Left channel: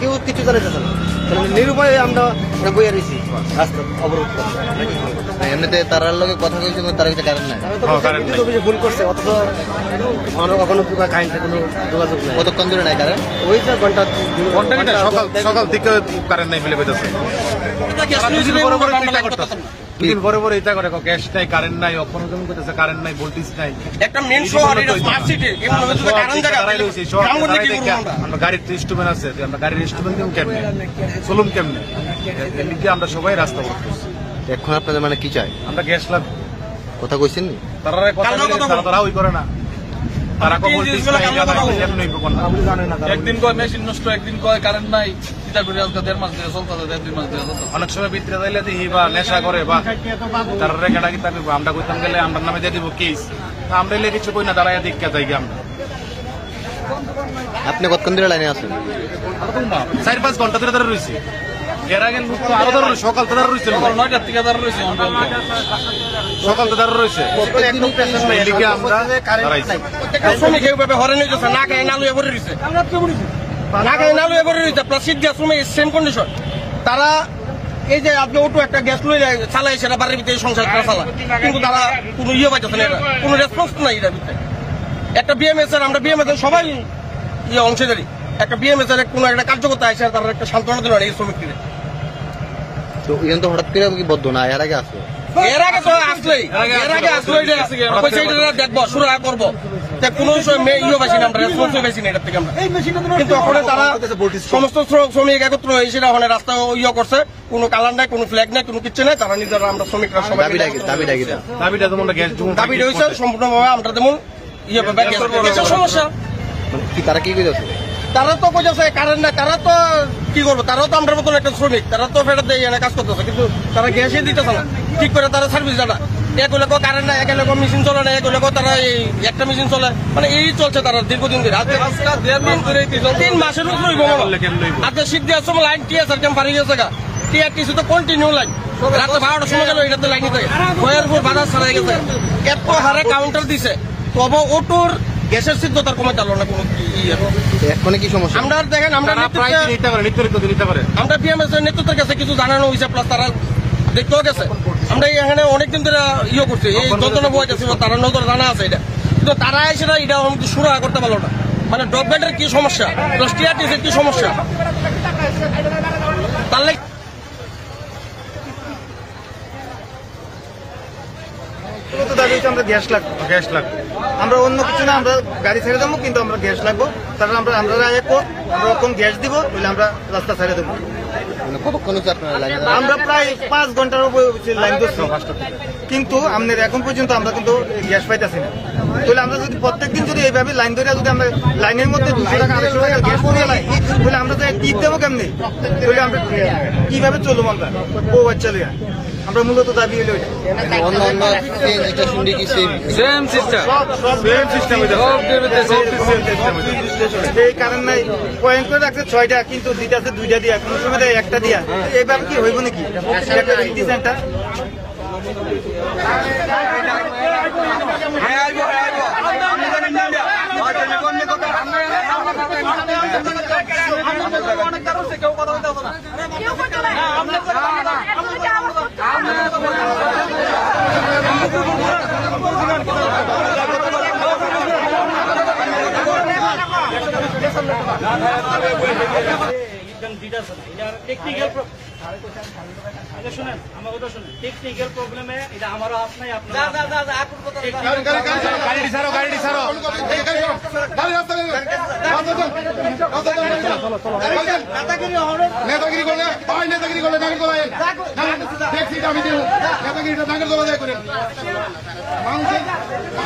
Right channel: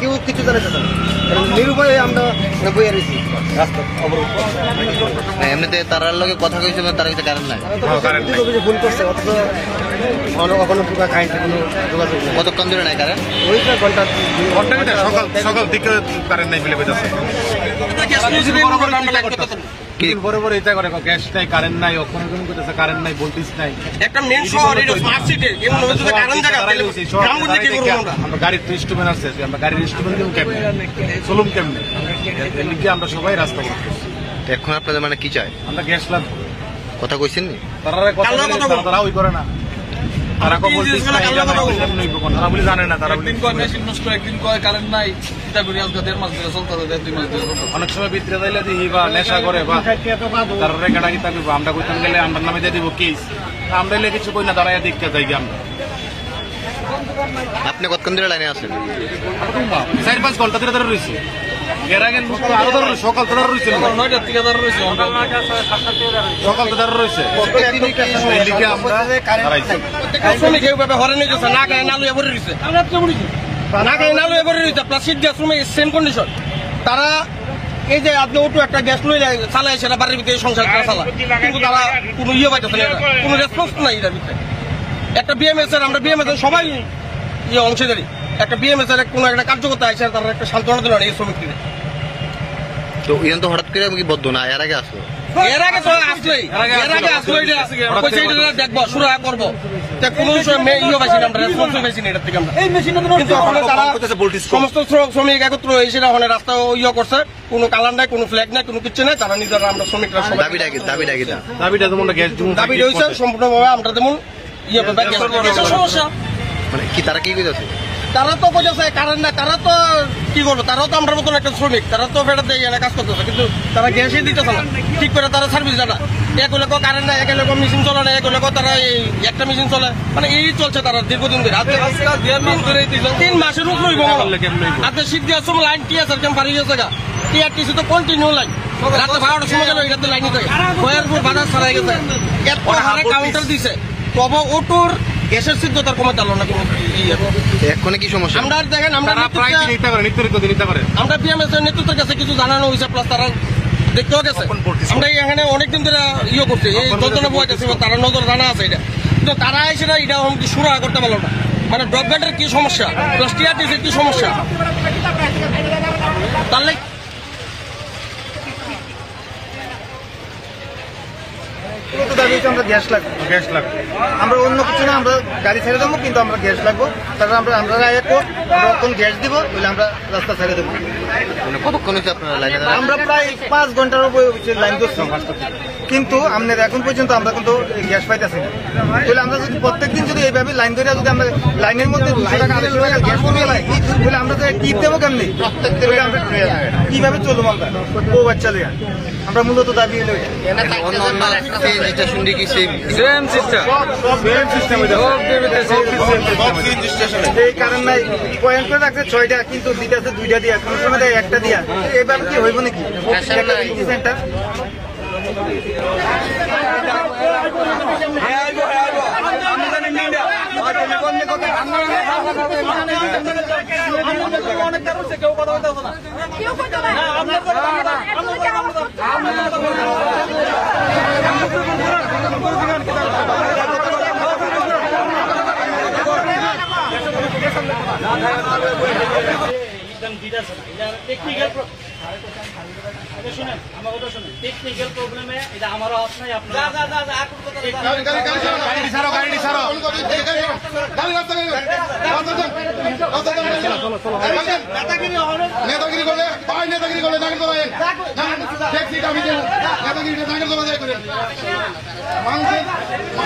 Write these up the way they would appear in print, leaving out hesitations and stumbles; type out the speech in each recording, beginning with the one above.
কেউ কিছু জানাতে চান নিরুপায় আমরা বইয়ে রয়েছি রাস্তা অবরোধ। এমনিতে তারার লগে কথা কইছে তার কিছু কারণ নাই, ভুল করছে অথচ কখনো কারেন্টের কোনো যোগাযোগ নেই। কতক্ষণ ধরে নাই কারেন্ট? ওইটা ঘন্টা বড় বড় এটা করে গ্যাস নাই, কারেন্ট নাই, অক্ষণ করতেছে কারেন্ট নাই, ভোল্টেজ নাই। আমরা গাড়ির ইনস্ট্রুমেন্ট আছে, আমরা গাড়ির ইনস্ট্রুমেন্ট কেমনে চলুম কেমনে, এদিকে আমরা সবাই রাস্তা করতেছি। এখন আপনাদের মানে কি চাই? আমরা গ্যাস লাগবো। কথা কইছেন নি? তারা কথা তারা ওই করে না, তারা ভোল্টেজ নাই জানে না। তারা একদিন কয় মেশিন নষ্ট, একদিন কয় কারেন্ট নাই, এটা করে আজকে 1.5 মাস ধরে চলতে 2 মাস ধরে। অনেক সময় বিদ্রে যাইলে দেখি বা নেশা করে বা তারা রেখাটা কি থাকবে। আমরা কইতাম গেলে আমরা নামে দিয়ে দিব কেস, আমরা এলে কিছু কই না, দাঁড়াইয়া দেখা যাই আমরা। আপনি কতক্ষণ ধরে লাইনে আছেন? আমরা তো 4-5 ঘন্টা ধরে রয়েছি। গেরাগেন আরো ধরে সকাল তো রয়েছে, সকাল তো রয়েছে। আমরা শ্রমিক এইভাবে হরে নিয়ে যাচ্ছে, না গায়ে নালু এবারে রয়েছে, না গায়ে নালু এবারে রয়েছে। প্লাস্টিক গ্যাস রুমে সেম কন্ডিশন। তারা এই যে আপনি অটো একটা গ্যাস লয়ে যায় চালায়, সেটা বাড়ির ভিতরে সংসারটা চালায়, কিন্তু তারা কোনো ইয়ে পাইতেছে না, কোনো রেসপন্স নাই এটার ভিতরে। একটা বিএমএস এর, আমরা বিএমএস এর সবাই ইয়ে অংশীদারি, একটা বিএমএস এর কোনো একটা কার্যকর্তা আছে, তারা একটা সান্ত্বনা দিল না এই শ্রমিককে। তো ইয়ন তো হঠাৎ করে কি বদ্ধ না, এর আগে আসলো? এর আগে তো আসলোই, দেখবো শুরু করবো, কোনো ইয়ে পাইছি না আমরা, রেসপন্স পাইছি না এটার থেকে আমরা। কিন্তু ওখানে তারা সমস্ত শ্রমিক একত্র হয়েছে, ওখানে রাস্তা ইয়ে করছে, কোনো কালার নাই, কোনো ফ্ল্যাগ নাই, কোনো কিছু নাই। তারা নিজেরা আমরা শ্রমিকরা দাবি হয়েছে সম্পূর্ণভাবে আমরা যেমন ইয়ে সমস্যা মানে কি, তারা কি কইতেছে? তারা তো বোঝাচ্ছে কারেন্ট না, তারা তো কি করবো, তারাও তো আমরা মতন একটা শ্রমিক, তারা তো ফেরত দিয়ে কাজ করতেছে, কিন্তু তারা গ্যাসই দিতেছে না ঠিক করে, তারা সার্ভিস জানা। এক লোক কারেন্ট না, এক লোক মেশিন চলে না, এক লোক তারা একটা মেশিন চলে, মানে এই চলছে তারা দীর্ঘদিন ধরে। 1.5 মাস ধরে 3 মাসের উপর আপনি শীত দেওয়ার সময় লাইন টিএসআর ক্যাম্প হারিয়ে গেছে, টিআরটিসি তো কন্টিনিউ লাইন, রাত্রে 12টার সময় গেল এটাতে লাইন দিতে বয়ারপুর বাজার ছাড়াই গেছে, এত হারে কাউন্টার দিছে, তবে ওটুর গ্যাসের সিদ্ধতার কমে চালো না কোনো। এখন কি সমস্যা? আমরা দেখেন, আমরা আমরা বিএমএস এর নেতৃত্বের কাছে কিছু জানানো হয়েছে, প্লাস তারা দেখতেও গেছে। আমরা এখানে অনেকদিন ধরে ইয়ে করছি, এই যন্ত্রণা বয়ে যাচ্ছি, তারা নজর জানা আছে এটা, কিন্তু তারা সেটা এটা শুরু করতে পারলো না। মানে ড্রপব্যান্ডের কি সমস্যা, প্লাস টিআরটিসির কি সমস্যা, তাহলে আমরা গ্যাস লাগবে, গ্যাস লাগবে। আমরা অন্য কিছু না, আমরা গাড়ি ছেড়ে দেবো, কিন্তু আমরা গ্যাস লাগবো। তারপরে আমরা যখন গ্যাস দিব তাহলে আমরা রাস্তা ছেড়ে দেবো। কতক্ষণ হয়েছে আপনারা লাইনে? আমরা প্রায় 5 ঘন্টার উপরে লাইন ধরছি, কিন্তু আমাদের এখন পর্যন্ত আমরা কিন্তু গ্যাস পাইতেছি না। তাহলে আমরা যদি প্রত্যেকদিন যদি এইভাবে লাইন ধরে যদি আমরা লাইনের মধ্যে 200 টাকা 250 টাকা গ্যাস দিয়ে লাই, তাহলে আমরা তো টিপ দেবো কেমনি? আমরা কিভাবে চলবো? আমরা বউ বাচ্চা লিয়া আমরা মূলত দাবি এলো এই কারণ নাই, পয়েন্ট করে রাখছে 6টা, কিন্তু দিতে 2টা দিয়া, কোন সময় দেয় 1টা দিয়া। এইভাবে কি হইব নাকি সেন্টার? টেকনিক্যাল প্রবলেমে এটা আমারও হাত নাই, আপনার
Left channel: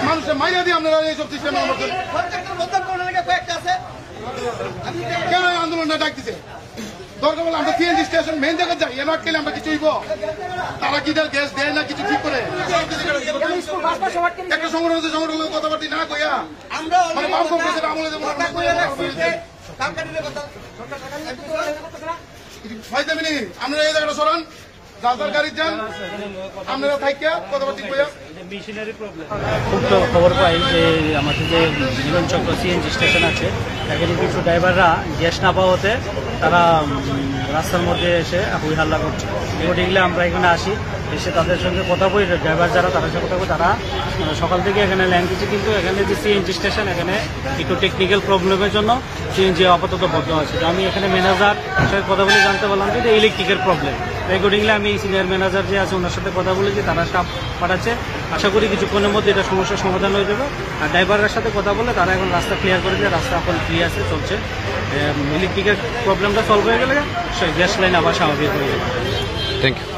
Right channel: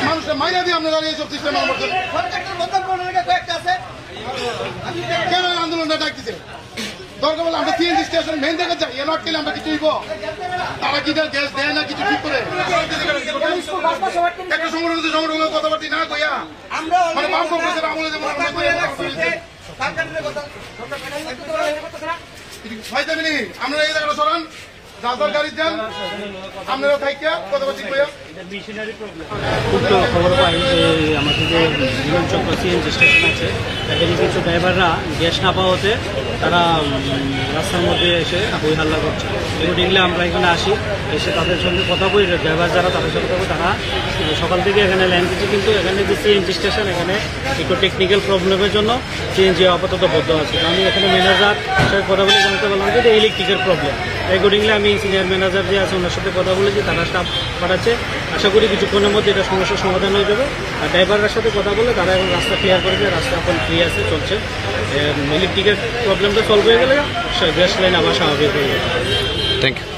মানুষের মাইরা দিয়ে আপনারা এইসব সিস্টেম কেন আন্দোলনটা ডাকতেছে? দরকার বলে আমরা সিএনজি স্টেশন মেন জায়গা যাই, এলাট খেলে আমরা কিছু হইব। তারা কি গ্যাস দেয় না কিছু ঠিক করে একটা সংগঠন কথাবার্তি না কইয়া আমরা আমরা এই জায়গাটা সরান, যার গাড়ি যান আপনারা থাকিয়া কথাবার্তা করে মেশিনারি প্রবলেম। খুব তো খবর পাই যে আমাদের যে মিলন চক্র সিএনজি স্টেশন আছে তাদের কিছু ড্রাইভাররা গ্যাস না পাওয়াতে তারা রাস্তার মধ্যে এসে হই হাল্লা করছে। এগুলো আমরা এখানে আসি, এসে তাদের সঙ্গে কথা বলি, ড্রাইভার যারা তাদের সঙ্গে কথা বলি, তারা সকাল থেকে এখানে লাইন দিচ্ছে, কিন্তু এখানে যে সিএনজি স্টেশন এখানে একটু টেকনিক্যাল প্রবলেমের জন্য সিএনজি আপাতত বন্ধ আছে। আমি এখানে ম্যানেজার সাথে কথা বলে জানতে পারলাম যে ইলেকট্রিকের প্রবলেম। অ্যাকর্ডিংলি আমি সিনিয়র ম্যানেজার যে আছে ওনার সাথে কথা বলেছি, তারা স্টাফ পাঠাচ্ছে। আশা করি কিছুক্ষণের মধ্যে এটা সমস্যার সমাধান হয়ে যাবে। আর ড্রাইভারের সাথে কথা বলে তারা এখন রাস্তা ক্লিয়ার করে দিয়ে রাস্তা এখন ফ্রি আছে, চলছে। ইলেকট্রিকের প্রবলেমটা সলভ হয়ে গেলে গ্যাস লাইন আবার স্বাভাবিক হয়ে যাবে। Thank you.